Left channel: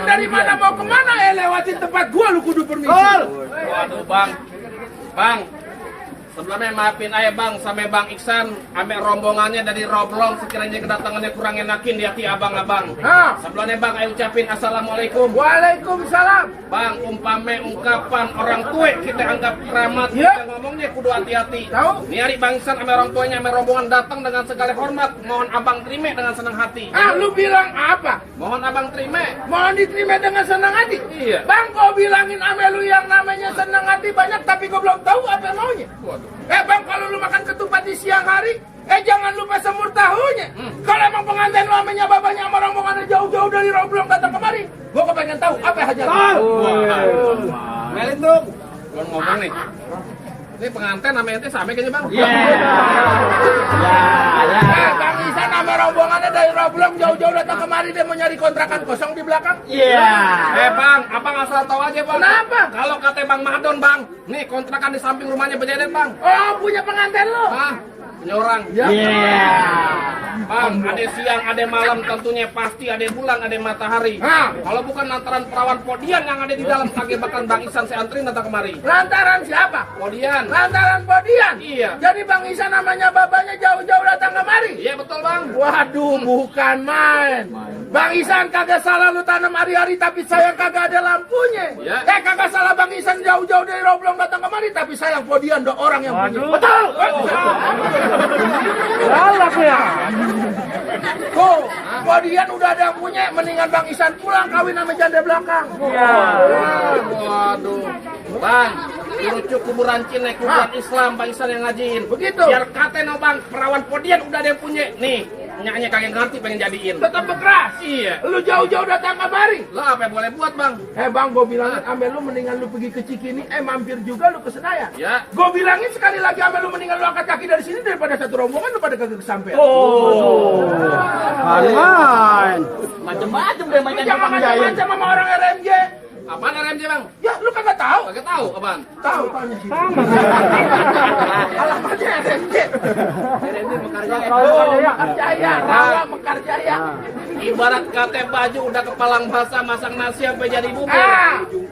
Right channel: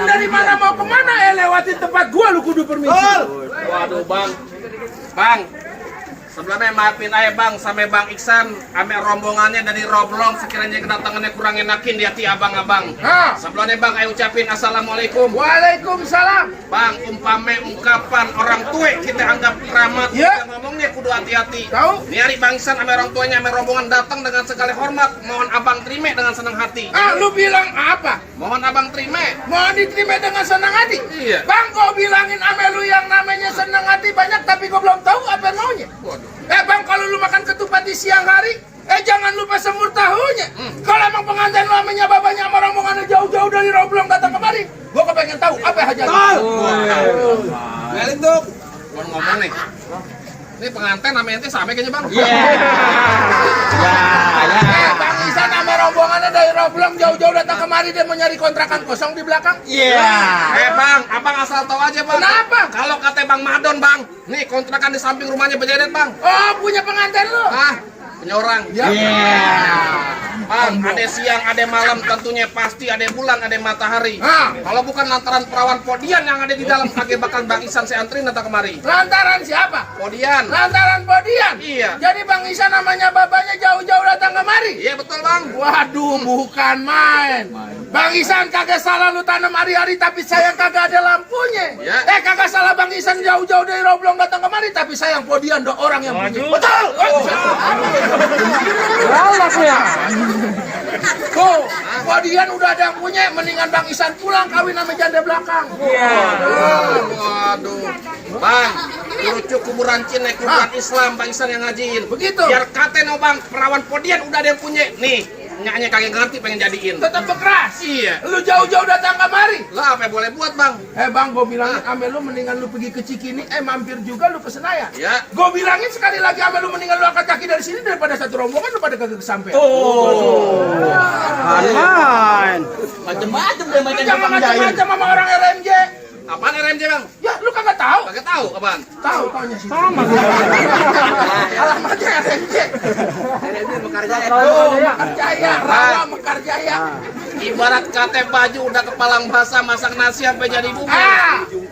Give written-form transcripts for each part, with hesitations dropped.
Rombongan dari mana mau kemana lewatin tempat gua lu kudu permisi. Waduh bang, sebelumnya maafin aja bang, sampai bang Iksan, ame rombongannya dari Roblong sekiranya kedatangannya kurang enakin di hati abang-abang. Sebelumnya bang, ayo ucapin assalamualaikum. Waalaikumsalam. Bang, umpame ungkapan orang tua kita anggap keramat, kita ngomongnya kudu hati-hati. Tahu? Ini hari bang Iksan, ame orang tuanya, ame rombongan datang dengan segala hormat, mohon abang terima dengan senang hati. Lu bilang apa? Mohon abang terima. Mohon diterima dengan senang hati. Iya. Bang, kau bilangin ame lu yang namanya senang hati banyak, tapi kau belum tahu apa maunya. Bang, kalau lu makan ketupat di siang hari, jangan lupa semur tahunya. Kalau emang pengantin lu namanya babanya sama rombongannya jauh-jauh dari Roblong datang kemari, gua kepengen tahu apa hajatnya. Ngelin tuh. Gua ngomong nih. Ini pengantin namanya ente sampai kayaknya bang. Bang Isan sama rombongannya dari Roblong jauh-jauh datang kemari, dia mau nyari kontrakan kosong di belakang. Bang, abang asal tahu aja bang. Kenapa? Kalau kata bang Madon bang, nih kontrakan di samping rumahnya Bejedet bang. Oh, punya pengantin lu? Punya orang. Bang, ada siang, ada malam, tentunya pasti ada bulan, ada matahari. Kalau bukan lantaran perawan Podian yang ada di dalam pagebakan Bang Isan, saya anterin datang kemari. Lantaran siapa? Podian. Lantaran Podian? Iya. Jadi Bang Isan namanya babanya jauh-jauh datang kemari? Iya betul bang. Waduh, bukan main. Bang Isan kagak salah lu tanam hari-hari, tapi sayang kagak ada lampunya. Kagak salah Bang Isan jauh-jauh dari Roblong datang kemari, tapi sayang Podian do orang yang punya. Betul. Tuh, Podian udah ada yang punya, mendingan Bang Isan pulang kawin sama janda belakang. Waduh. Bang, lucu kuburan Cina, kuburan Islam Bang Isan yang ngajiin. Begitu. Biar katanya bang, perawan Podian udah ada yang punya. Nih, nyaknya kagak ngerti pengen jadiin. Tetap keras. Iya. Lu jauh-jauh datang kemari. Lah apa yang boleh buat bang? Bang, gue bilangin ame lu mendingan lu pergi ke Cikini, mampir juga lu ke Senayan. Ya. Gue bilangin sekali lagi ame lu mendingan lu angkat kaki dari sini daripada satu rombongan lu pada kagak kesampean. Macem-macem deh Lu jangan macam-macam sama orang RMJ. Apaan RMJ bang? Ya, lu kagak tahu? Kagak tahu abang. Tahu tanya sih. Alamatnya RMJ. RMJ Mekarjaya. Mekarjaya, Rawa Mekarjaya. Ibarat kate baju udah kepalang basah masak nasi sampai jadi bubur.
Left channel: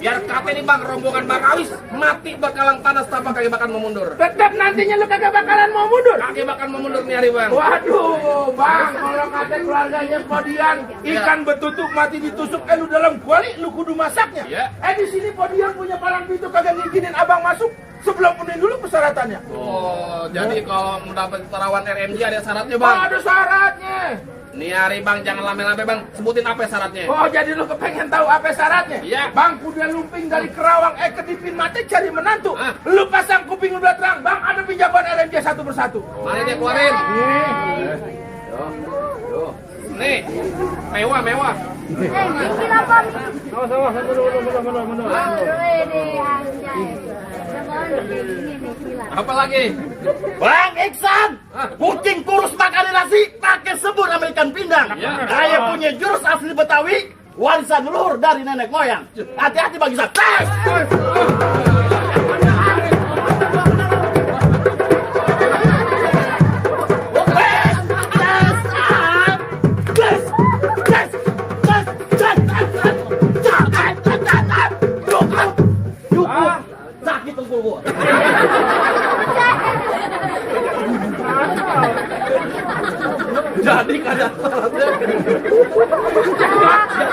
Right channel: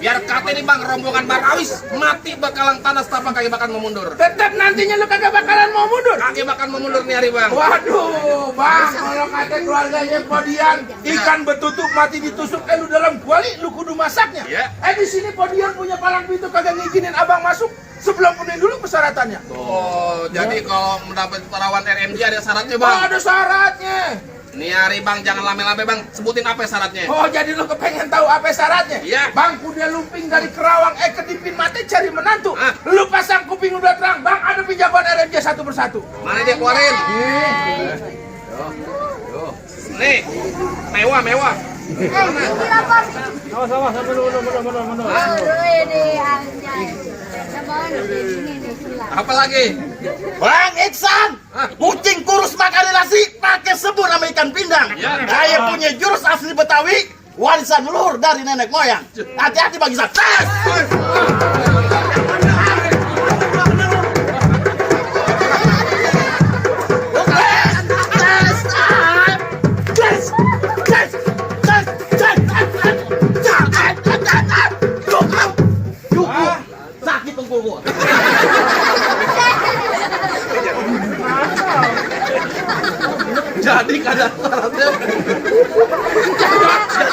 Biar kate nih bang rombongan Barawis mati bakalang tanah setapak kagak bakal mau mundur. Tetap nantinya lu kagak bakalan mau mundur. Kagak bakal mau mundur nih hari bang. Waduh, Bang, kalau kata keluarganya Podian, ikan betutuk mati ditusuk, lu dalam kuali, lu kudu masaknya. Di sini Podian punya palang pintu kagak ngizinin abang masuk sebelum penuhin dulu persyaratannya. Jadi kalau mendapat perawan RMJ ada syaratnya bang. Ada syaratnya. Nih hari bang, jangan lame-lame bang, sebutin apa syaratnya. Jadi lu kepengen tahu apa syaratnya? Iya. Bang, kuda lumping dari Kerawang, kedipin mati cari menantu. Lu pasang kuping udah terang, bang, ada pinjaman RMJ satu persatu. Mana dia keluarin? Nih, mewah. Apa lagi? Bang Iksan, kucing kurus makan nasi pakai sebur sama ikan pindang. Saya punya jurus asli Betawi, warisan leluhur dari nenek moyang. Hati-hati Bang Iksan. Sakit tengkul gua. Jadi kadang syaratnya.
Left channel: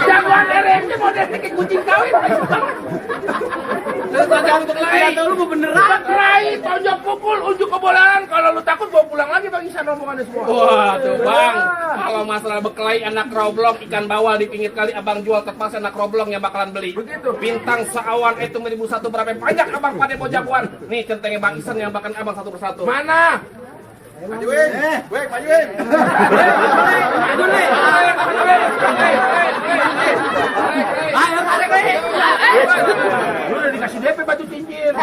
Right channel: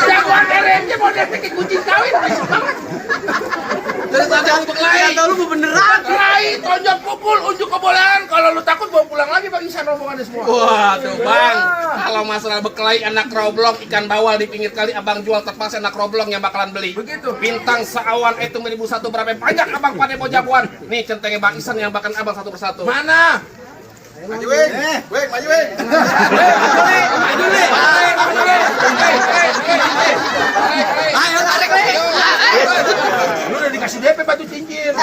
Jagoan RMJ model kayak kucing kawin, berisik banget. Terus tadi aku berkelahi. Kata lu mau beneran. Berkelahi, tonjok pukul, unjuk kebolehan. Kalau lu takut bawa pulang lagi Bang Isan rombongannya semua. Waduh bang, kalau masalah berkelahi anak roblong ikan bawal di pinggir kali abang jual terpaksa anak roblong yang bakalan beli. Begitu. Bintang seawan itu 1001 berapa banyak abang pada mau jagoan. Nih centengnya Bang Isan yang bakalan abang satu persatu. Mana? Maju weh, maju weh. Ayo tarik weh. Lu udah dikasih DP batu cincin.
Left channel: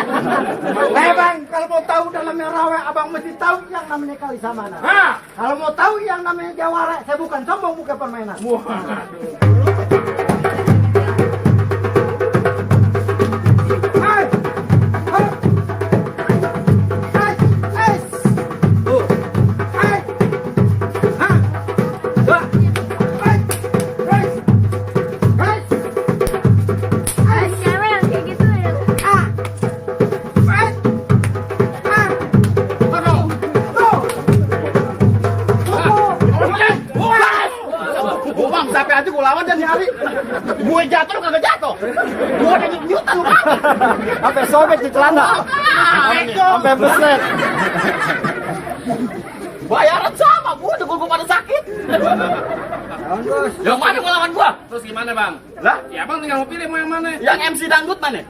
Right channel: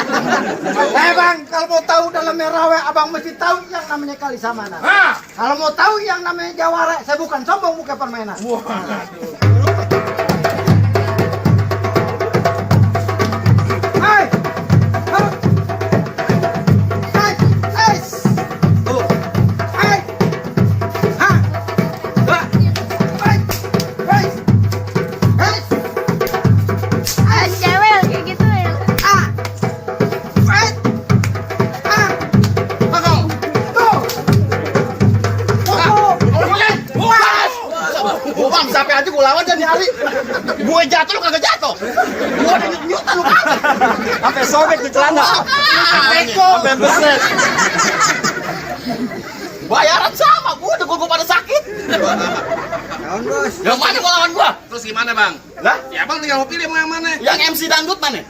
Bang, kalau mau tahu dalamnya rawe, abang mesti tahu yang namanya kali samanan. Kalau mau tahu yang namanya jawara, saya bukan sombong, bukan permainan. Gue jatuh lu kagak jatuh. Gue ada nyut-nyutan lu kagak. Pakai sobek di celana. Eko. Sampai beset. Bayaran sama, gue pada sakit. Lawan bos. Yang mana mau lawan gua? Terus gimana bang? Lah, Ya bang tinggal mau pilih mau yang mana? yang MC dangdut mana?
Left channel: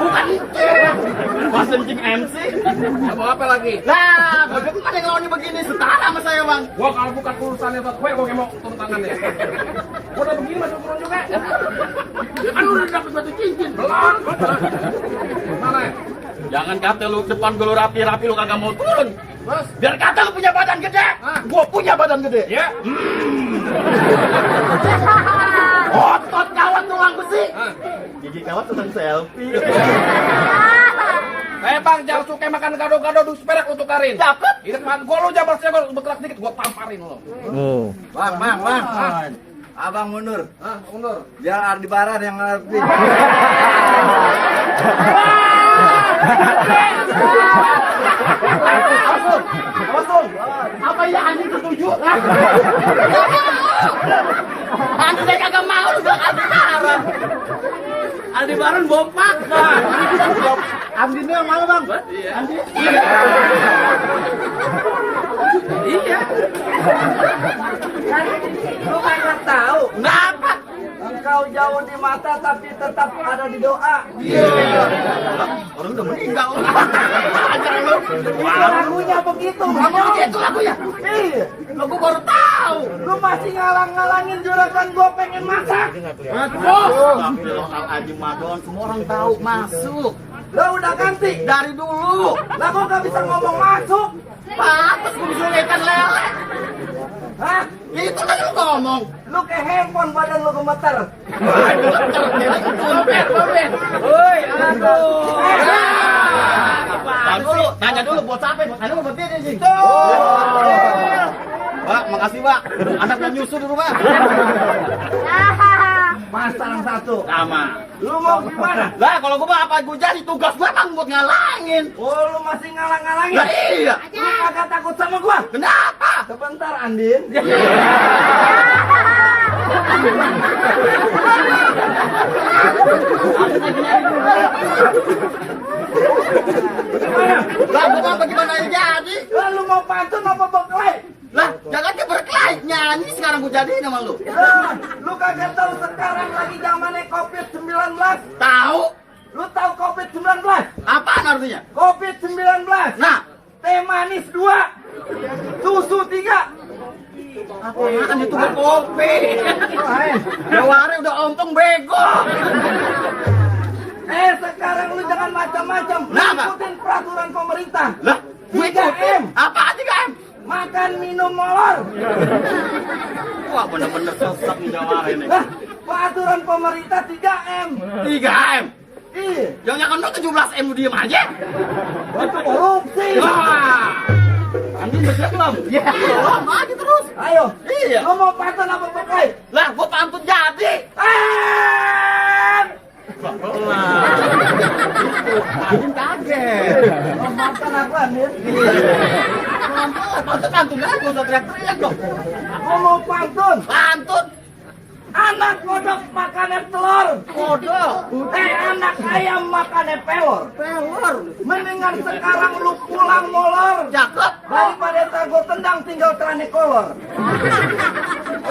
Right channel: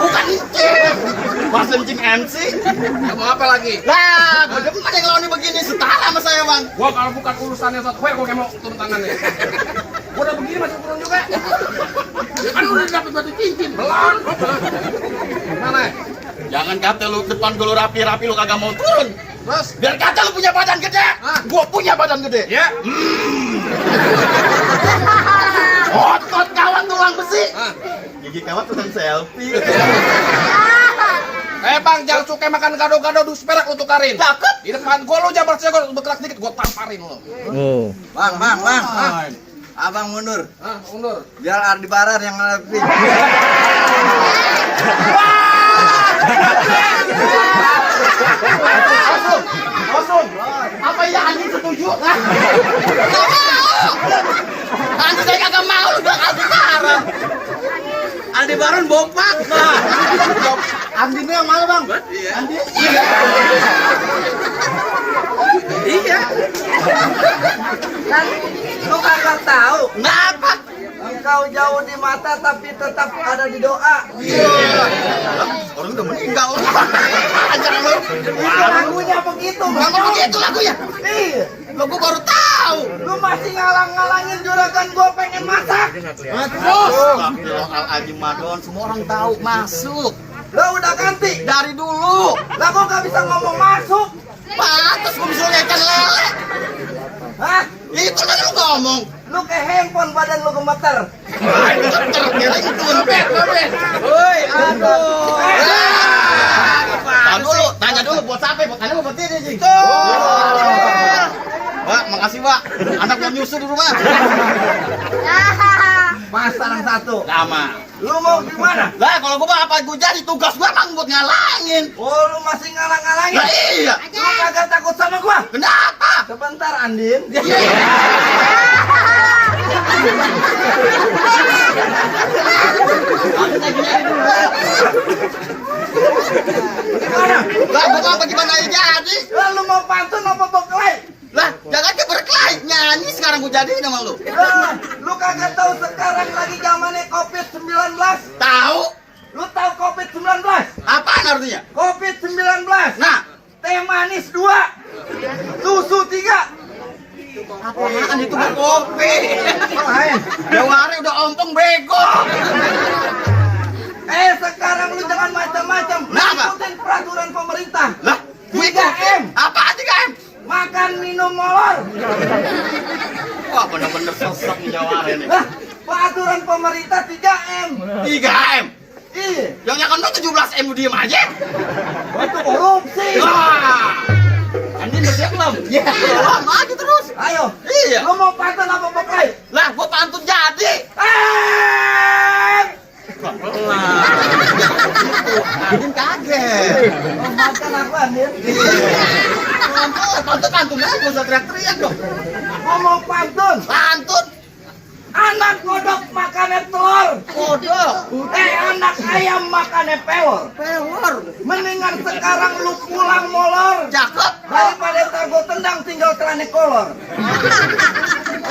Bukan itu. Mas Encing MC. Kamu apa lagi? Lah, bagaimana yang lawannya begini? Setara sama saya, Bang. Gua kalau bukan urusannya satu gue kayak mau turun tangannya. Gua udah begini masih turun juga. Ya kan udah dapat batu cincin. Belum. Mana? Jangan kata lu depan gue lu rapi-rapi lu kagak mau turun. Terus? Biar kata lu punya badan gede. Ah. Gua punya badan gede. Ya. Otot kawan tulang besi. Ah. Gigi kawan tukang selfie. Bang, jangan suka makan gado-gado dus perak lu tukarin. Cakep. Di depan gua lu jabar saya gua bergerak dikit gua tamparin lu. Bang. Abang mundur. Hah, mundur. Biar Aldebaran yang ngadepin. Kosong. Apa ya anjing setuju? Nanti saya kagak mau lu bilang Aldebaran. Aldebaran bompak. Andi yang mana, Bang? Andi. Iya. Kan lu kagak tahu. Kenapa? Engkau jauh di mata tapi tetap ada di doa. Orang udah meninggal. Ajar lu. Itu lagunya begitu, Bang, Bang. begitu lagunya. Iya. Lo gua baru tahu. Lu masih ngalang-ngalangin juragan gua pengen masak. Astagfirullahaladzim, Madon. Semua orang tahu masuk. Lu udah ganti. Dari dulu. Lah kok gak bisa ngomong masuk? Pantes gua bisa ikan lele. Hah? Itu kan lu ngomong. Lu ke handphone badan lu gemeter. Wah, gemeter, kira itu. Woi, aduh. Tahan dulu, tanya dulu buat siapa? Buat anda buat dia sih. Pak, makasih Pak. Anak mau nyusu di rumah. Mas tarang satu. Lama. Lu mau gimana? Lah, kalau gua apa gua jadi tugas gua emang buat ngalangin. Oh, lu masih ngalang-ngalangin? Lah iya. Lu kagak takut sama gua? Kenapa? Sebentar, Andin. Lah, gua apa gimana ya jadi? Lah, lu mau pantun apa berkelahi? Lah, jangan ke berkelahi nyanyi sekarang gua jadiin sama lu. Lah, lu kagak tahu sekarang lagi zamannya COVID-19? Tahu? Lu tahu COVID-19? Apaan artinya? COVID-19. Nah, Teh manis 2. Susu 3. apaan itu kopi? Lain. Jawari udah ompong bego. Sekarang lu jangan macam-macam. Lu Kenapa? ikutin peraturan pemerintah. Lah, gue 3M. Apaan 3M? Makan, minum, molor. Wah, bener-bener sesek nih Jawari nih. Lah, peraturan pemerintah 3M. 3M. Iya. Yang nyakan lu 17M lu diem aja. Itu korupsi. Wah. Andin bersiap belum? Ya, belum aja terus. Ayo. Iya. Lu mau pantun apa berkelahi? Lah, gua pantun jadi. Andin kaget. Oh, makan aku, Andin. Pantun aja, gak usah teriak-teriak dong. Gua mau pantun. Pantun. Anak kodok makannya telur. Kodok. Anak ayam makannya pelor. Pelor. Mendingan sekarang lu pulang molor. Cakep. Daripada ntar gua tendang tinggal celana kolor.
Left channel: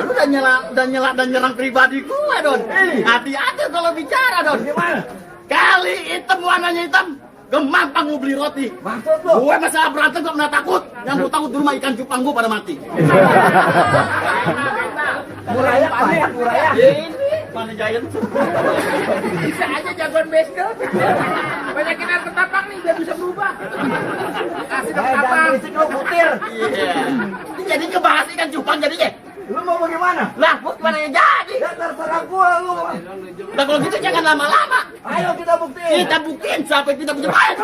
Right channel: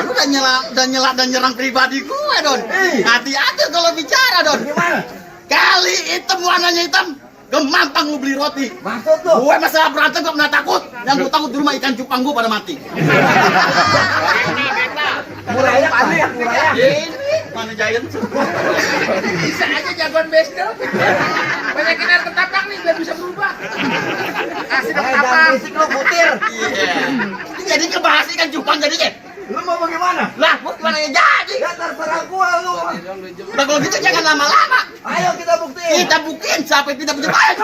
Lu udah nyela dan nyerang pribadi gue, Don. Hati-hati kalau bicara, Don. Gimana? Kali hitam warnanya hitam, gemampang lu beli roti. Maksud lu? Gue masalah berantem gak pernah takut. Yang gue takut di rumah ikan cupang gue pada mati. Murayak banyak, murayak. Ini mana Giant? Bisa aja jagoan baseball. Banyakin air ketapak nih biar bisa berubah. Kasih Jangan ketapak. berisik lu butir. Iya. Ini jadi ngebahas ikan cupang jadinya. Lu mau bagaimana? Lah, gua gimana ya jadi? Ya terserah gua lu. Udah kalau gitu jangan lama-lama. Ayo kita buktiin. Kita buktiin sampai kita punya baik.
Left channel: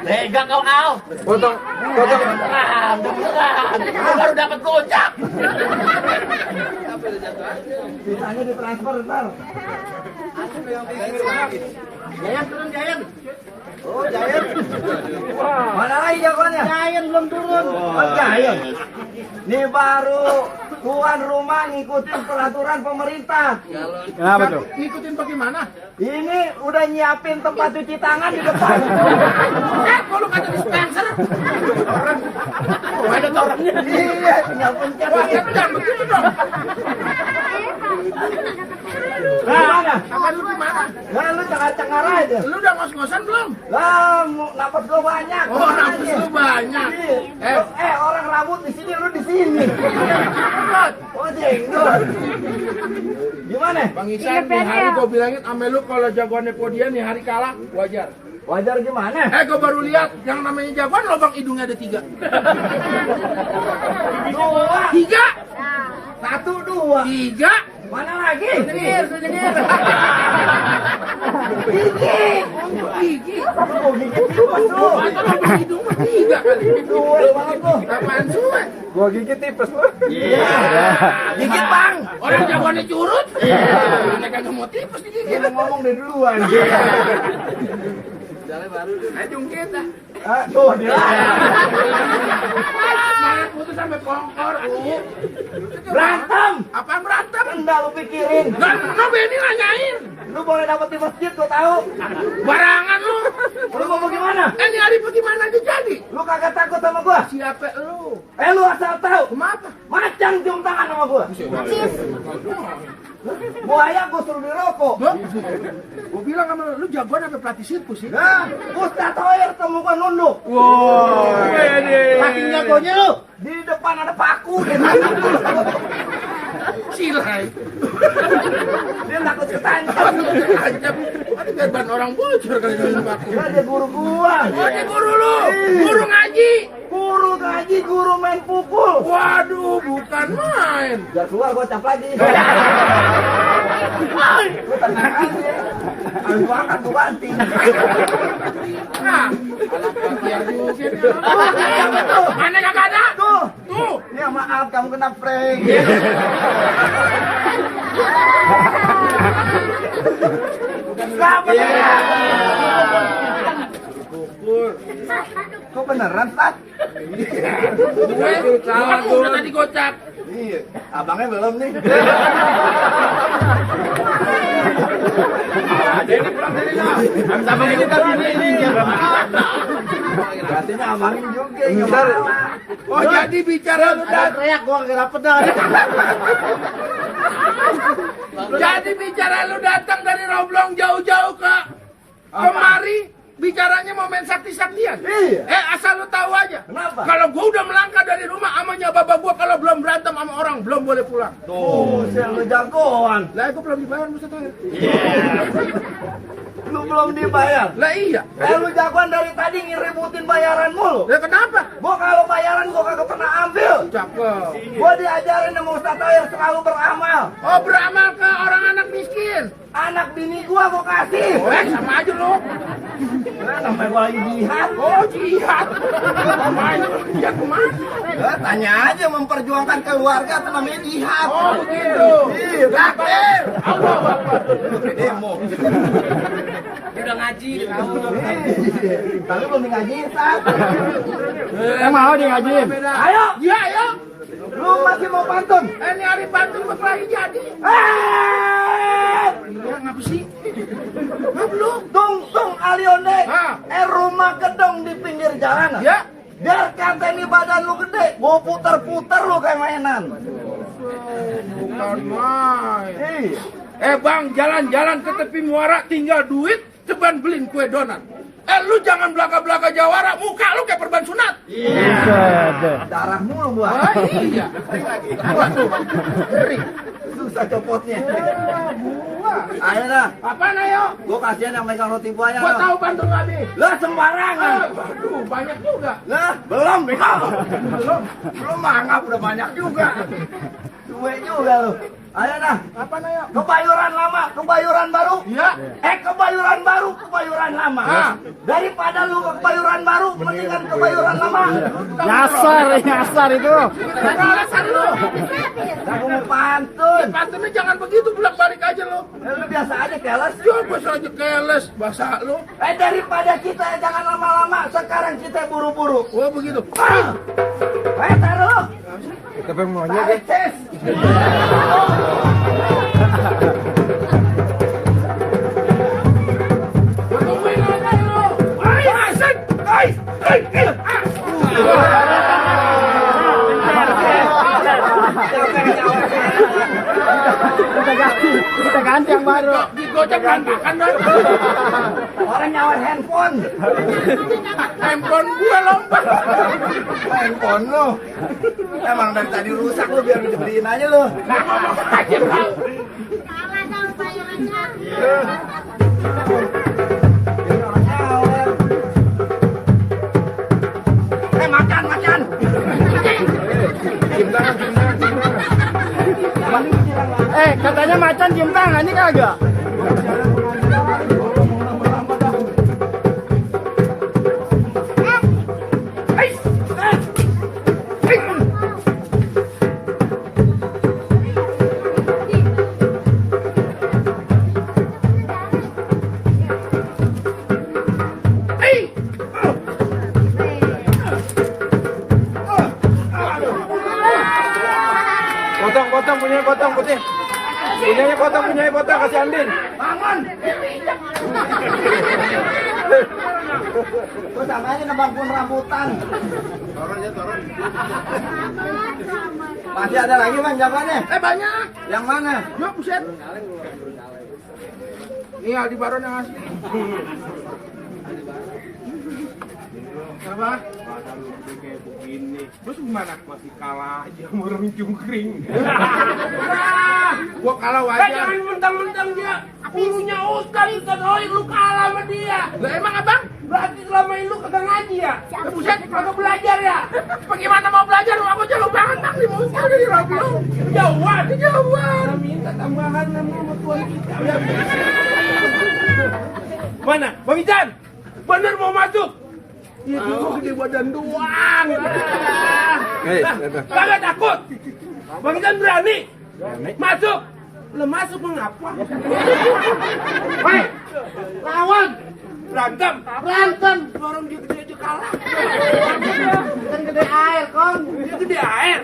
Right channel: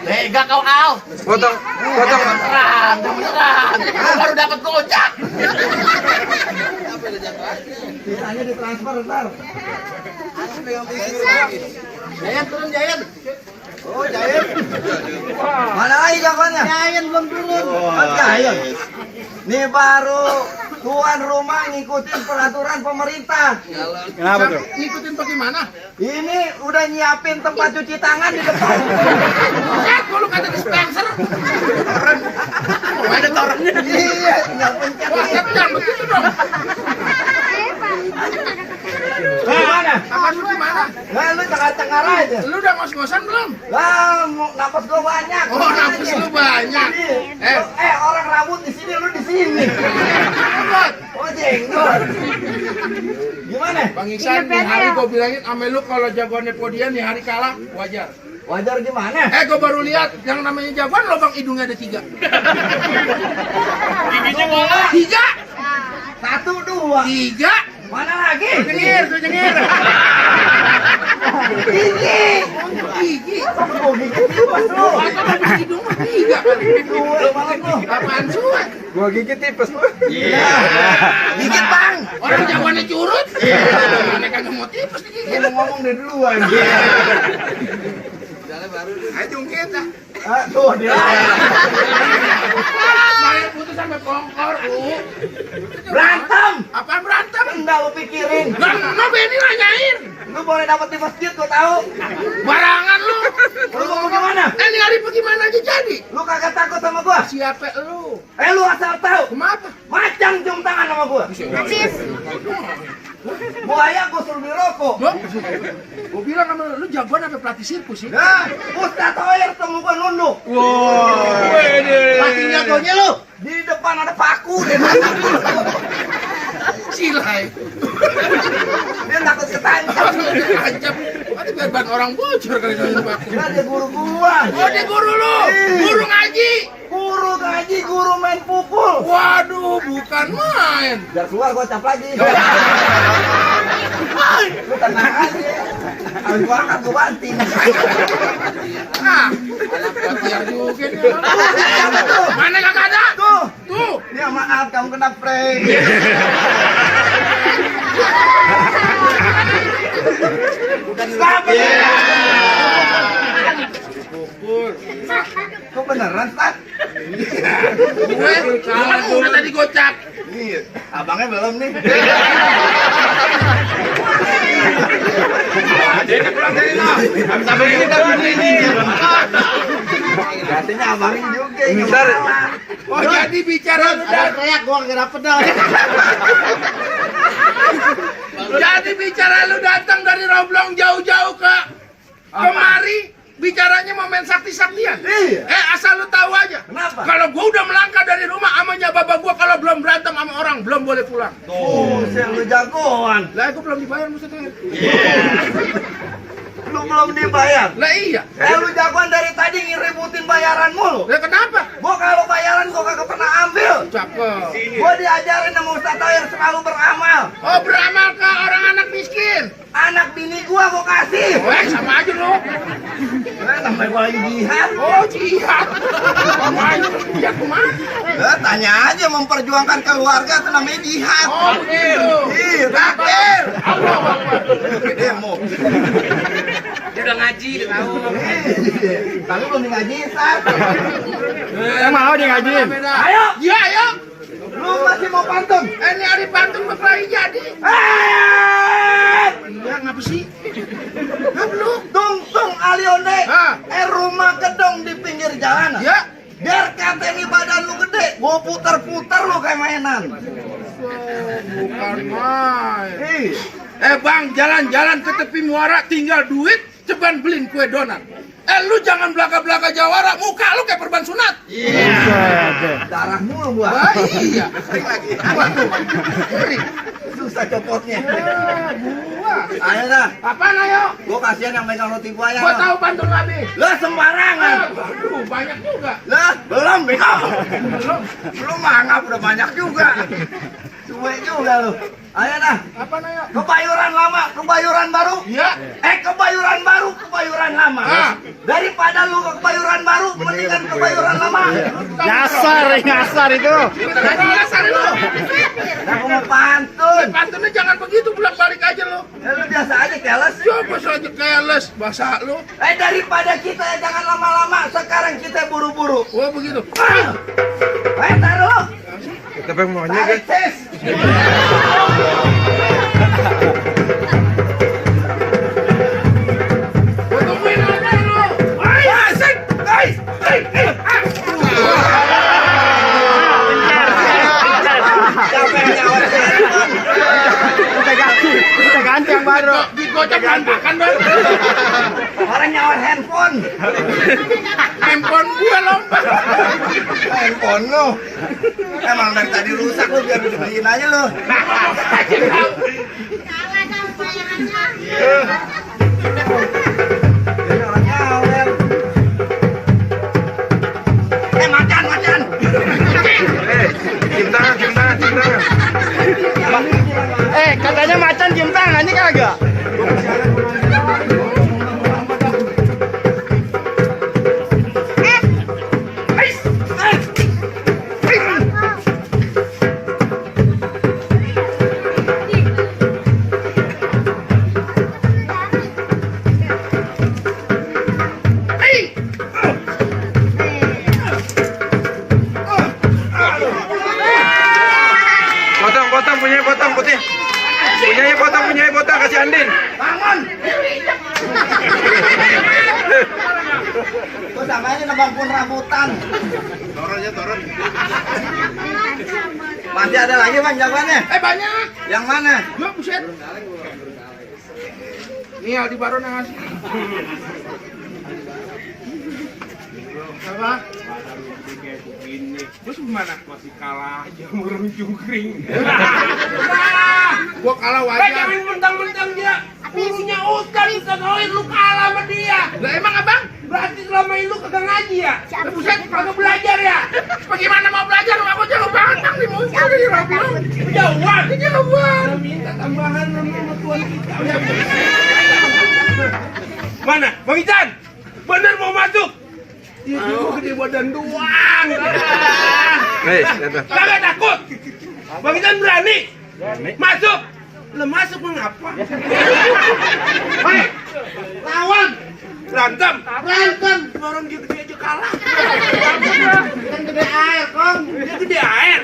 Tega kau, Al. Potong. Beneran. Gua baru dapat gojek. Sisanya ditransfer ntar. Jayan turun Jayan. Oh Jayan. Mana lagi jagoannya? Jayan belum turun. Oh Jayan. Ini baru tuan rumah ngikutin peraturan pemerintah. Kenapa tuh? Ngikutin bagaimana? Ini udah nyiapin tempat cuci tangan di depan. Kok lu kata dispenser? Oh, ada orang. Iya, tinggal pencet. Wah, tapi jangan begitu dong. Gimana? Apa lu gimana? Nah, lu cengar-cengar aja. Lu udah ngos-ngosan belum? Lah, napas gua banyak. Oh, nafas lu banyak. Orang rambut di sini, lu di sini. Jenggot. Oh, jenggot. Gimana? Bang Iksan, nih hari gua bilangin ame lu kalau jagoannya Podian nih hari kalah, wajar. Wajar gimana? Gua baru lihat yang namanya jagoan lubang hidungnya ada 3. Dua. 3? 1, 2. 3? Mana lagi? Jengir. Gigi. Lu mau gigit tipas lu. Atau lubang hidung mah 3 kali. Dua banget lu. Apaan suat? Gua gigit tipes lu. Iya. Gigit bang. Orang jagoannya curut. Aneh kagak mau tipes digigit. Dia ngomong dari duluan. Ajung kita. Tuh dia. Main putus sampai kongkor. Berantem. Apaan berantem? Enggak lu pikirin. Kan no Benny nanyain. Lu boleh dapat di masjid gua tahu. Barangan lu. Lu mau gimana? Ini hari bagaimana aja jadi? Lu kagak takut sama gua? Siapa lu? Lu asal tahu. Kenapa? Macam cium tangan sama gua. Buaya gua suruh dirokok. Gue bilang sama lu jagoan apa pelatih sirkus sih? Nah, Ustaz Toyer temu gua nunduk. Wow. Saking jagonya lu. Di depan ada paku dia Silai. Dia takut ketancap. Ancam. Nanti biar ban orang bocor kali jalan aku. Nah, dia guru gua. Oh, dia guru lu. Guru ngaji. Guru ngaji, guru main pukul. Waduh, bukan main. Biar keluar gua cap lagi. Lu tenang aja. Habis makan gua banting. Nah, anak biar juga nih. Mana kagak ada? Tuh. Tuh. Ya maaf kamu kena prank. Selamat. Kok beneran, Tat? Gue tadi gocap. Iya, abangnya belum nih. Artinya abangnya juga yang malah. Oh, jadi bicara lu Teriak gua nggak dapet dah. Jadi bicara lu datang dari Roblong jauh-jauh ke kemari, bicaranya mau main sakti-saktian. Iya. Asal lu tahu aja. Kenapa? Kalau gua udah melangkah dari rumah, amanya bapak gua kalau belum berantem sama orang belum boleh pulang. Oh, lu jagoan. Lah, gua belum dibayar Mr. Toyer. Lu belum dibayar. Lah iya. Lu jagoan dari tadi ngiributin bayaran mulu. Lah kenapa? Gua kalau bayaran gua kagak pernah ambil. Cakep. Gua diajarin sama Ustaz Toyer selalu beramal. Oh, beramal ke orang anak miskin. Anak bini gua kasih. Oh, sama aja lu. Namanya gua lagi jihad. Oh, jihad. Sama aja jihad kemana? Tanya aja memperjuangkan keluarga itu namanya jihad. Oh, begitu. Iya, takbir. Allah Akbar. Demo. Dia udah ngaji, dia tahu. Tapi belum ngaji, Ustaz. Mau dia ngajiin? Ayo, Ya, ayo. lu masih mau pantun? Ini hari pantun berkelahi jadi. Iya, ngapa sih? Ngapa lu? Tung alionde. Ah. Rumah gedong di pinggir jalan. Ya. Biar kata ini badan lu gede, gua puter-puter lu kayak mainan. Bukan main. Iya. Bang, jalan-jalan ke tepi muara tinggal duit, ceban beliin kue donat. Lu jangan belaka-belaka jawara, muka lu kayak perban sunat. Darah mulu gua. Wah, iya. Waduh. susah copotnya. Gua. Ayo dah. Apaan ayo? Gua kasihan yang megang roti buaya. Gua lo. tahu bantu Nabi. Lah sembarangan. Aduh, banyak juga. Lah, belum bego. Belum. Belum mangap udah banyak juga. Cuek juga lu. Ayo dah. Apaan ayo? Kebayuran lama, kebayuran baru. Iya. Kebayuran baru, kebayuran lama. Ah. Daripada lu ke kebayuran baru, mendingan kebayuran lama. Nyasar itu. Nyasar lu. Aku mau pantun. Pantunnya jangan begitu, bolak-balik aja lu. Ya lu biasa aja keles. Coba saja keles bahasa lu. Daripada kita jangan lama-lama, sekarang kita buru-buru. Oh begitu. Taruh. Kita pengen maunya Tarik tes. Tungguin aja lu. Asik. Kita ganti yang baru. Digocek berantakan dong. Orang nyawar handphone. Handphone gua lompat. Handphone lu. Emang dari tadi rusak lu biar dibeliin aja lu. Nah ngomong aja tau. Salah sama bayarannya. Ini orang nyawer. Macan. Cium tangan. Katanya macan cium tangan ini kagak. Potong putih. Punyanya potong kasih Andin. Bangun. Kok sama ini nebangkun rambutan. Turun. Masih ada lagi bang jagoannya? Banyak. Yang mana? Yuk buset. Nih Aldi Baron yang ngasih. Apa? Terus gimana? Masih kalah aja sama orang cungkring. Gua kalah wajar. Jangan mentang-mentang dia gurunya Ustaz Oin, lu kalah sama dia. Lah emang abang? Berarti selama ini lu kagak ngaji ya? Buset, kagak belajar ya? Bagaimana mau belajar? Lu aku jago banget bang di muncul di Roblong. Kejauhan. Minta tambahan sama tuan kita. Mana? Bang Ican? Bener mau masuk? Dia cuma gede badan doang. Kagak takut. Bang Ican berani? Masuk. Lah masuk mengapa? Lawan. Berantem. Orang dia gede aja kalah. Kan gede air, Kong. Dia gede air?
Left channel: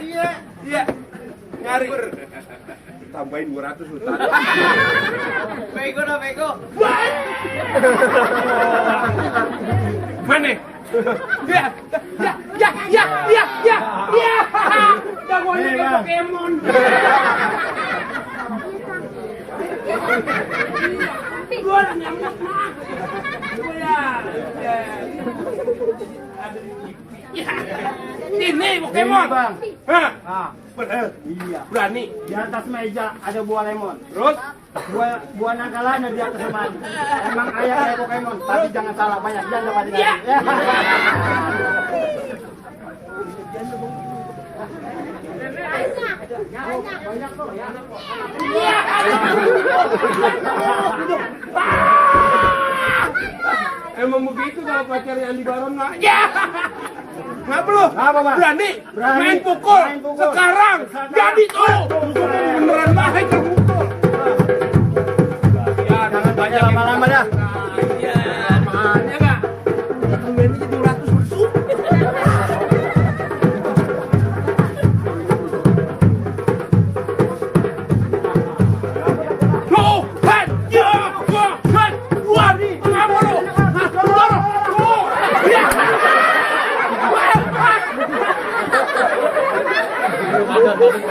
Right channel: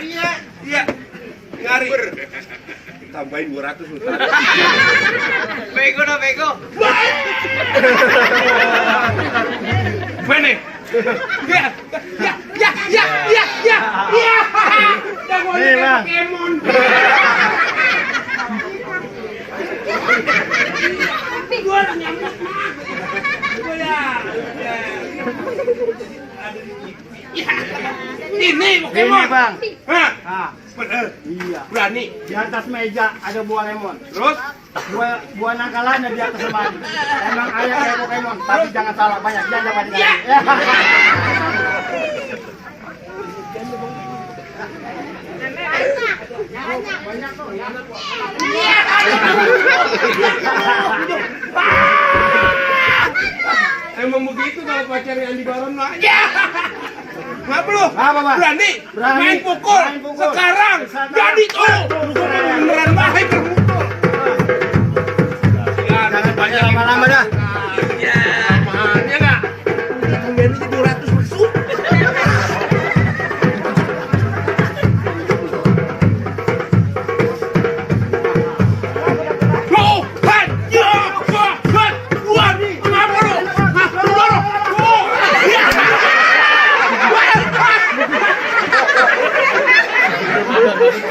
Iya. Ngari. Tambahin 200 lu. Bego. Mana? Ya. Jagoannya kayak Pokemon. Gua nyamuk mah. Ya. Ini Pokemon. Bang. Hah? Bener. Iya. Berani. Di atas meja ada buah lemon. Terus? Buah nangkalannya di atas lemari. Emang ayah kayak Pokemon, tapi jangan salah banyak janda pada Ya. Emang begitu kalau pacarnya Andi Baron mah. Ya. Ngapa lu? Apa, Pak? Berani? Berani. Main pukul. Main pukul. Sekarang. Jadi tuh. Beneran baik kalau mukul. Jangan banyak lama-lama dah. Ya, mahalnya enggak? Tambahin aja 200 besuk.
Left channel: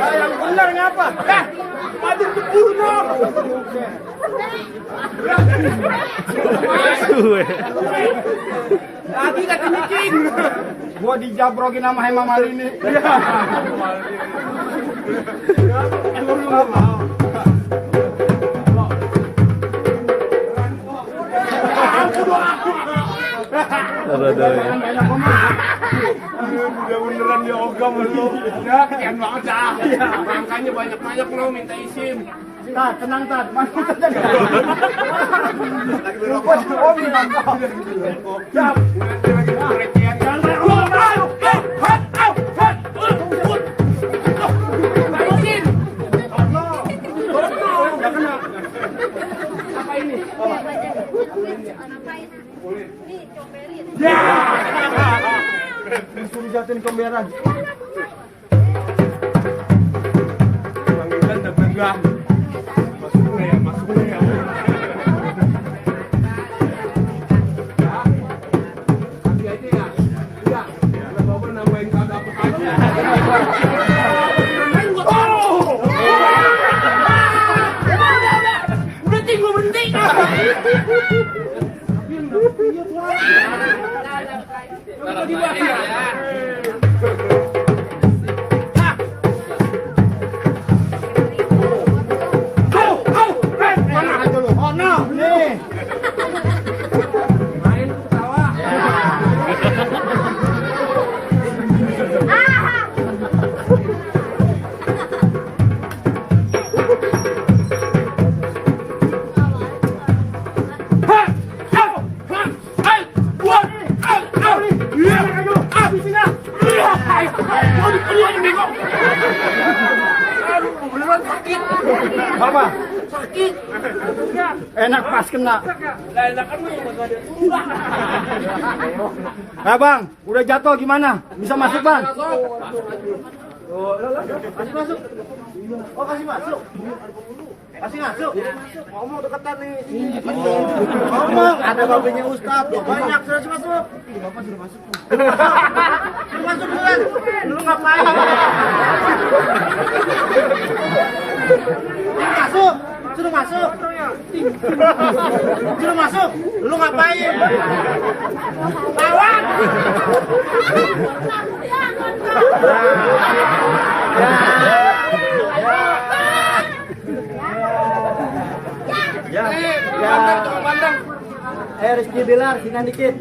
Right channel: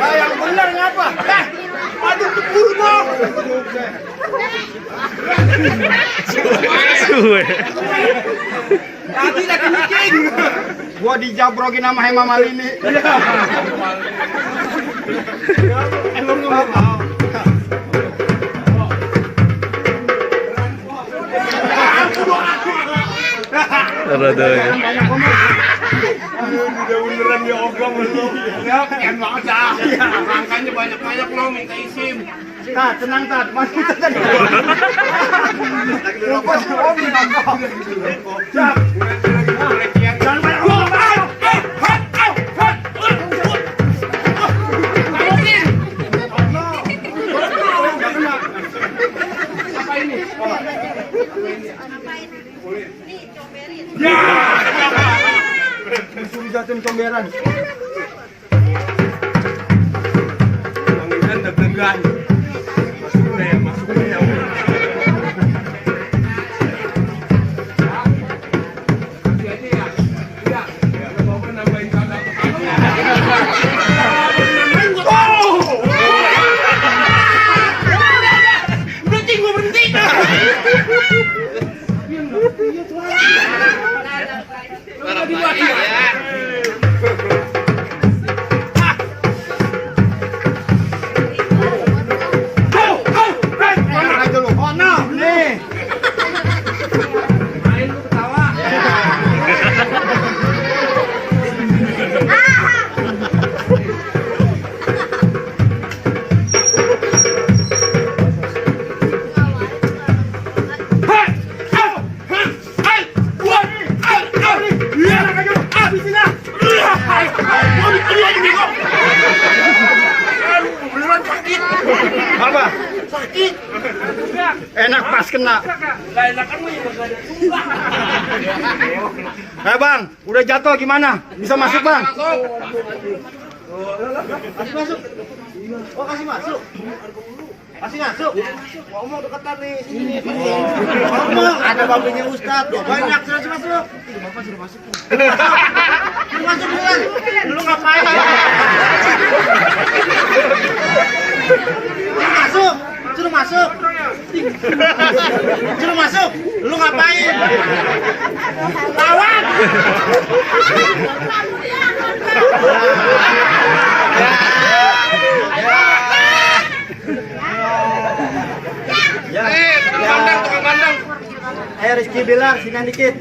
Yang benar ngapa? Madu keburu dong. Lagi kaki micing. Gua dijabrokin sama Hema Malini. Emang nggak mau. Rada ya. Banyak ngomong. Udah beneran dia ogam lu. Ya, kian banget dah. Makanya banyak-banyak lo minta isim. Tat, tenang Tat. Masuk Tat. Lupa si Om bilang kok. Siap. Jangan banyak ngomong. Disuruh jatuhin comberan. Langgan deg-degan. Masuk ya. Kasih aja ya. Udah. Udah mau nambahin kata Berhenti, gue berhenti. Oh no, nih. Main lu ketawa. Apa? Sakit. Enak pas kena. Lah enakan lu juga ada. Nah bang, udah jatuh gimana? Bisa masuk bang? Kasih masuk. Oh kasih masuk. Kasih masuk. Ngomong deketan nih. Ngomong. Ada babunya Ustadz. Banyak sudah masuk. Bapak sudah masuk. Sudah masuk duluan. Lu ngapain? Masuk. Suruh masuk. Suruh masuk. Lu ngapain? Lawan. Tukang bandeng. Ayo Rizky Bilar, sini dikit.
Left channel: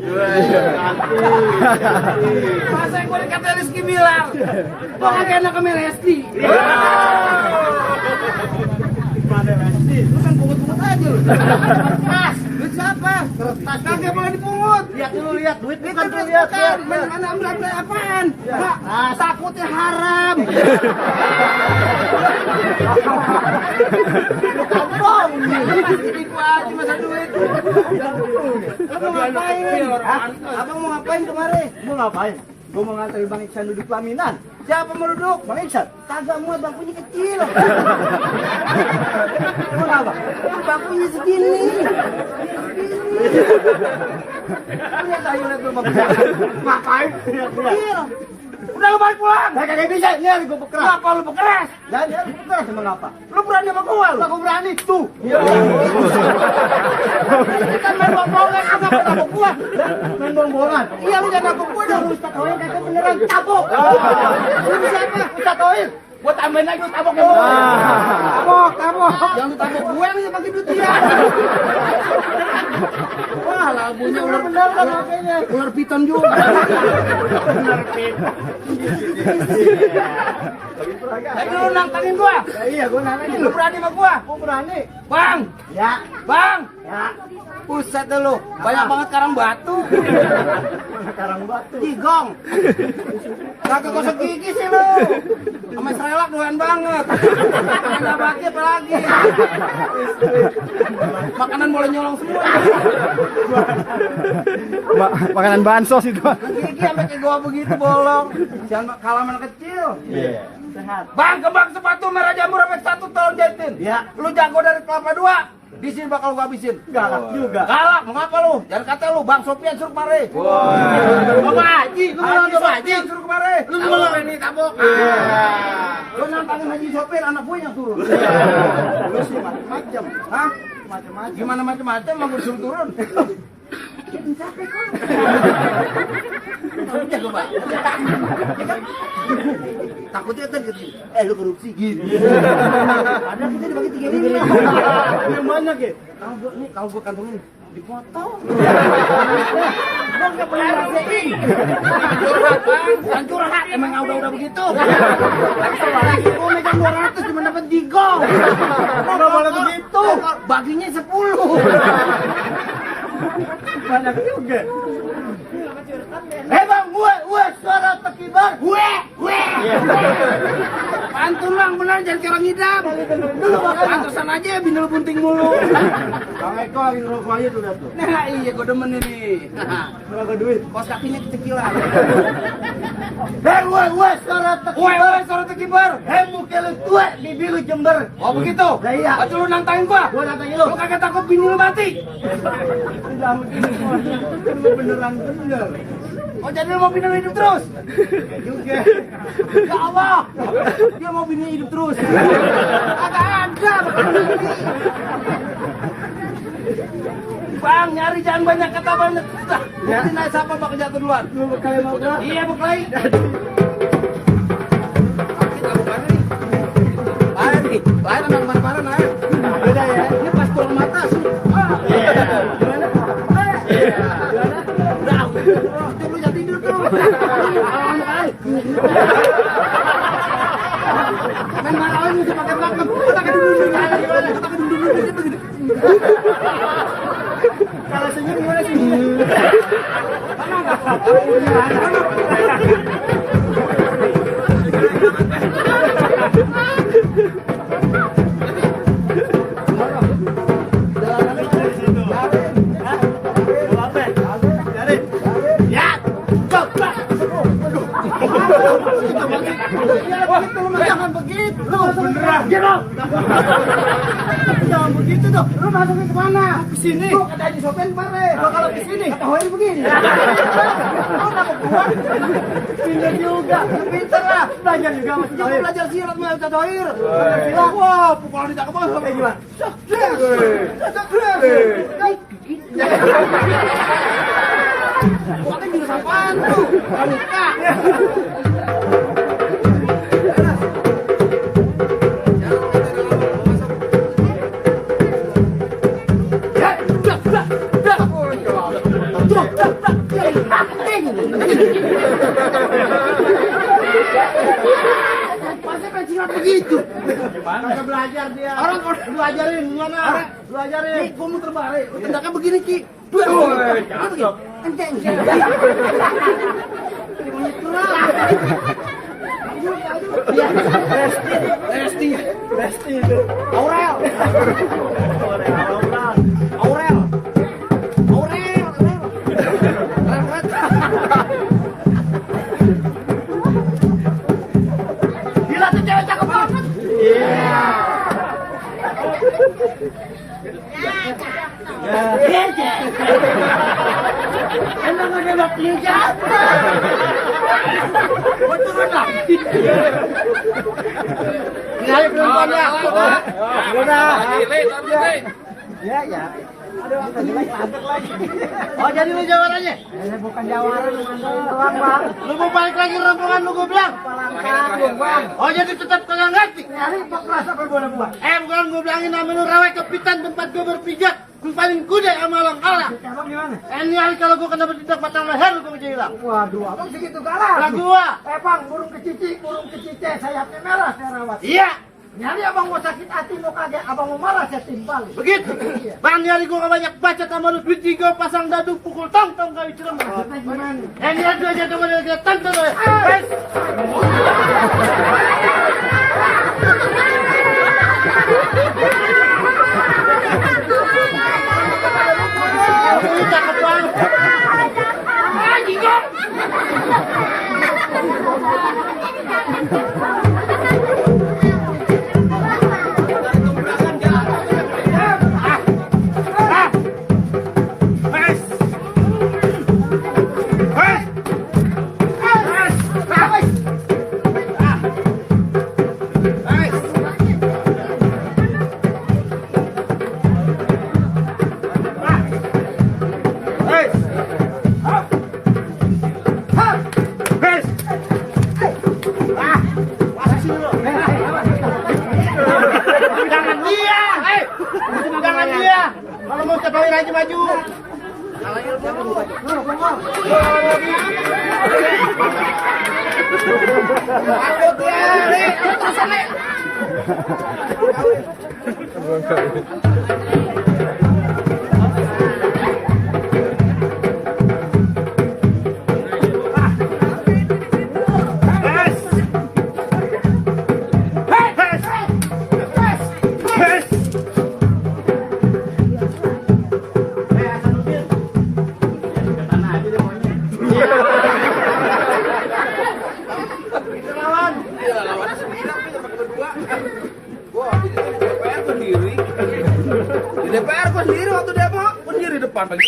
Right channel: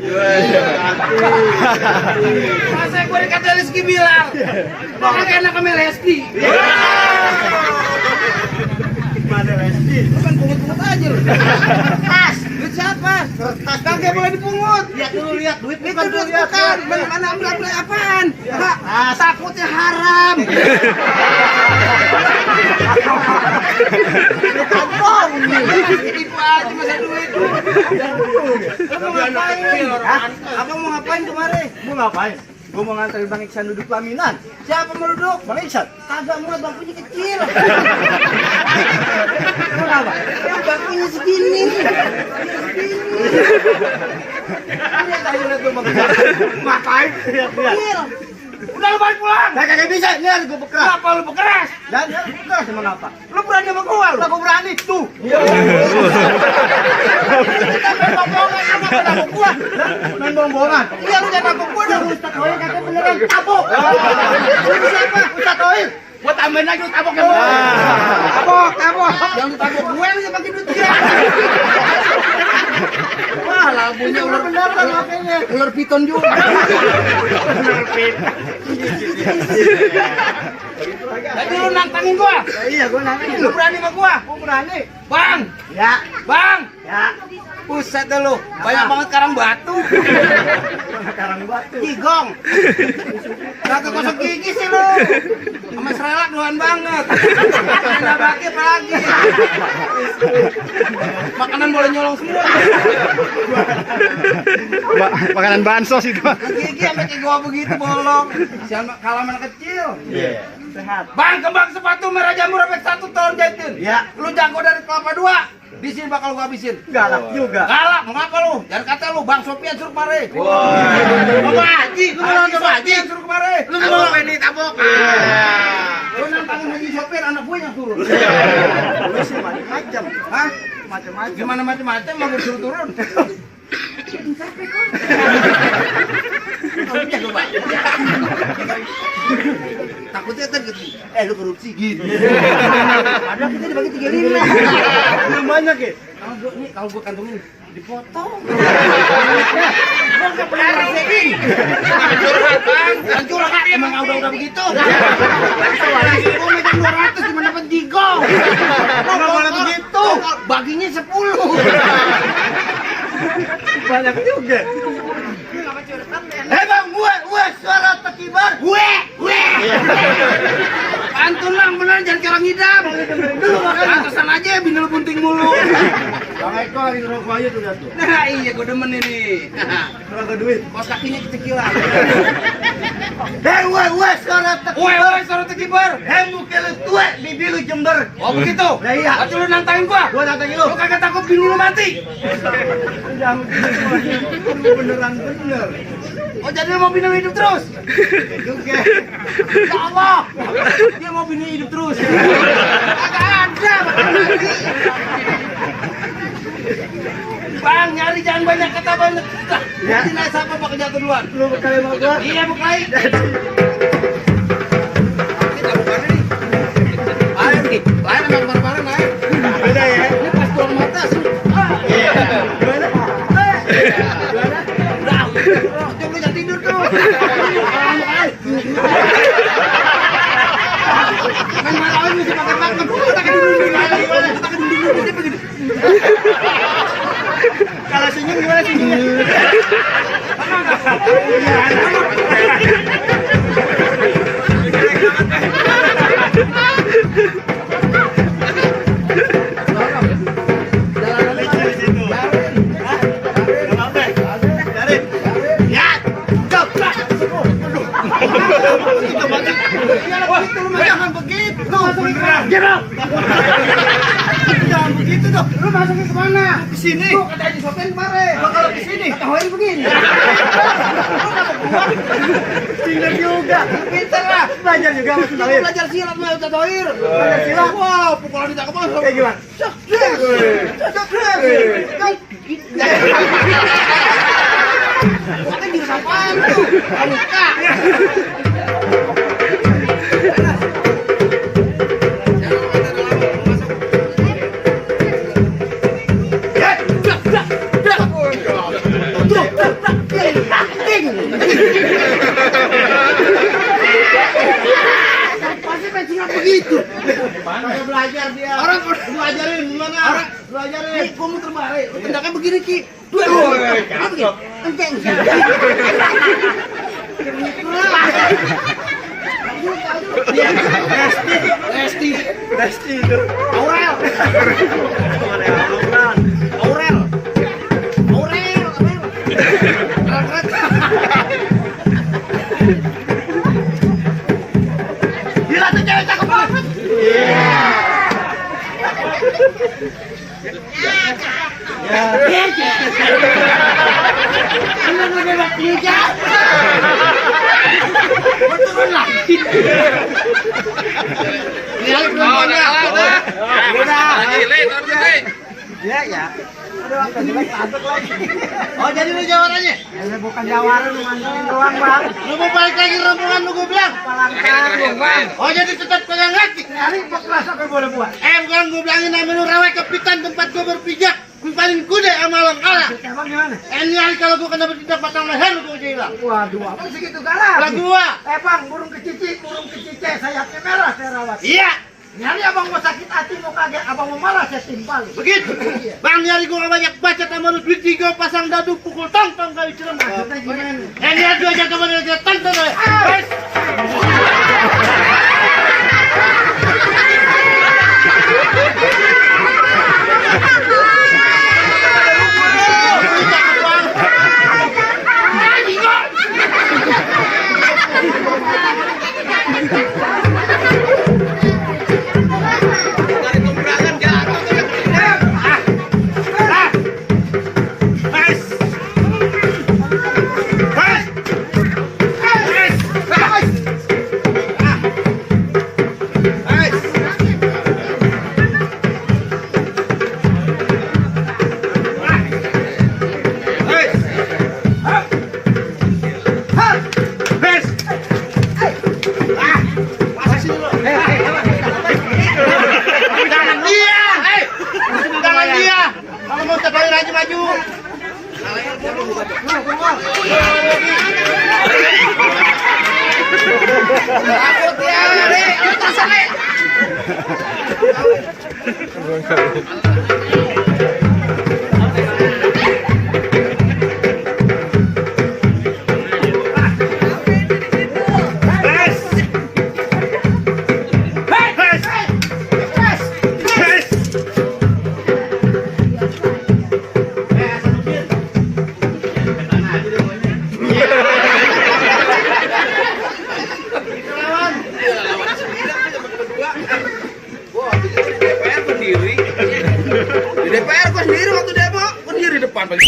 Masa gue dikata Rizky Bilar? Kok kagak enak sama Lesti? Mana Rizky? Lu kan pungut-pungut aja lu. Tas, duit siapa? Kertas Kagak boleh dipungut. lihat dulu lihat duit Itu duit bukan. Mana ambil apaan? Takutnya haram. Kantong. Tipu aja masa duit. Lu mau ngapain? Abang mau ngapain kemarin? Mau ngapain? Gue mau nganterin Bang Iksan duduk pelaminan. Siapa mau duduk? Bang Iksan? Kagak muat, bangkunya kecil. Emang apa? Bangkunya segini. Lihat aja lihat tuh bangkunya. Ngapain? Kecil. Udah lu balik pulang. Nah, kagak bisa, ini harus gue bekeras. Kenapa lu bekeras? Dan ya, bekeras emang apa? Lu berani sama gua lu? Lah gue berani, tuh. Kita main bohongan sama kenapa gua? Main bohong-bohongan. Iya lu jangan nabok gua dong. Ustadz Hoyer kagak beneran tabok. Ini siapa? Ustadz Hoyer. Gua tambahin lagi lu tabok ya. Tabok. Jangan tabok gue nih pakai duit dia. Wah, labunya ular Beneran HP-nya. ular piton juga. Jadi lu nantangin gua. Iya, gue nanya. Lu berani sama gua? Gue berani. Bang, Ya, bang. ya. Buset dah lu. Banyak banget karang batu. Karang batu. Gigong. Kagak gosok gigi sih lu. Sama serelak doan banget. Ada bagi apa lagi? Makanan boleh nyolong semua. Makanan bansos itu. Gigi sampai kayak gua begitu bolong. Jangan kalah anak kecil. Iya. Sehat. Bang, kembang sepatu merah jamur efek 1 tahun jahitin. Ya. Lu jago dari kelapa 2. Di sini bakal gua habisin. Galak juga. Galak, mau ngapa lu? Jangan kata lu, Bang Sopian suruh kemari. Bapak Haji, lu bilang Bapak Haji. Sopian suruh kemari. Lu bilang ini tabok. Lu nantangin Haji Sopir, anak gue yang turun. Lu sih macam-macam. Hah? Macam-macam. Gimana macam-macam, mau gue disuruh turun. Jago, Pak. takutnya kan gitu. Lu korupsi gitu. Padahal kita dibagi 35. Belum banyak ya. Kalau gua kantongin dipotong. Gua nggak pernah ngerasain. Kan curhat emang udah begitu. Gua megang 200 cuma dapat jigo. Nggak boleh begitu. Baginya 10. Banyak juga. Bang, gue suara tekibar. Gue. Pantun lang bener jangan kayak orang ngidam. Dulu pantesan aja bindel bunting mulu. Bang Eko lagi ngerokok aja tuh tuh. Nah iya gue demen ini. Ngerokok duit. Kos kakinya kecikilan. Gue suara tekibar. Suara tekibar. Mukele tua bibir lu Jember. Oh begitu? Nah iya. Acu lu nantangin gua. Gua nantangin lu. Lu kagak takut bini lu mati? Jangan begini beneran bener. Oh jadi lu mau bini lu hidup terus? Juga. Ya Allah. Dia mau bini hidup terus. Kagak ada bakal mati. Bang, nyari jangan banyak kata banyak. Ya. Nanti naik siapa bakal jatuh duluan? Lu bekali mau gua? Iya bekali. Lain emang bareng-bareng aja. Beda ya. Ini pas tuang mata sih. Udah. Coba jangan tidur tuh. Main marawin mesti pakai pakem. Kita dulu. Begini. Kalau senyum gimana senyum? Jangan begitu. Jangan begitu dong. Lu masukin kemana? Ke sini. Lu kata Haji Sofian kemarin. Kalau ke sini kata Hoir begini. Lu enggak mau keluar? Tinggal juga. Pintar lah. Belajar juga masih Hoir. Belajar silat sama Ustaz Hoir. Belajar silat. Wah, pukulan di cakep banget. Kayak gimana? Bukan jurus apaan tuh? Muka. Pasti pensiun begitu. Kagak belajar dia. Orang lu ajarin gimana? Lu ajarin. Nih, gua muter balik. Tendaknya begini, Ki. Begini. Enteng. Resti itu. Aurel. Gila tuh cewek cakep banget. Emang udah bebek tiga. Gua turun lagi. Lihat perempuannya. Ya. Oh jadi lu jawarannya? Ya bukan jawaran, lu mandarin doang bang. Lu mau balik lagi rombongan lu gue bilang? Palang bang. Oh jadi tetap kagak ngerti? Nyari pekras apa boleh buat? Bukan gue bilangin nama lu rawek kepitan tempat gue berpijak. Gue paling kude sama lang kalah. Emang gimana? Nyari kalau gue kena bertindak batang leher lu gue hilang. Waduh, abang segitu galak. Lah gua. Bang, burung kecici, sayapnya merah saya rawat. Iya. Nyari abang mau sakit hati mau kaget, abang mau marah saya timpal. Begitu. Bang nyari gua banyak baca sama lu duit 3 pasang dadu pukul tong kali cerem. Maksudnya gimana? Nyari gua aja sama dia tonton. Wes. Cakep banget. maju. Takut ya, atas sana. Di DPR gua sendiri waktu demo, gua sendiri depan paling.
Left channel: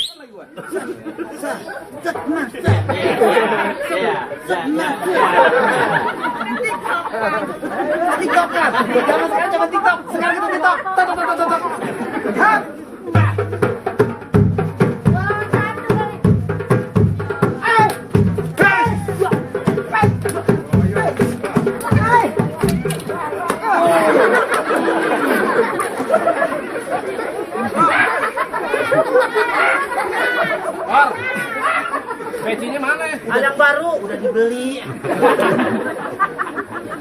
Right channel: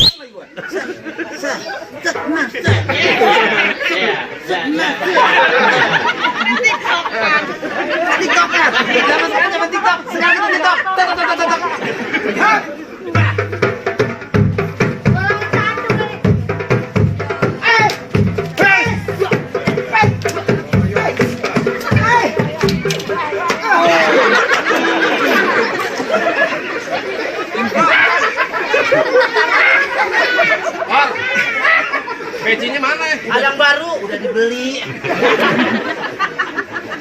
TikTok ya. Zaman sekarang zaman TikTok. Sekarang kita TikTok. Tok tok tok tok tok. Hap. Or, pecinya mana ya? Ada yang baru udah dibeli.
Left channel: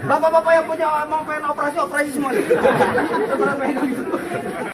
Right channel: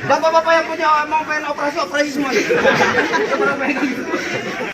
Bapak-bapak yang punya mau pengen operasi semuanya.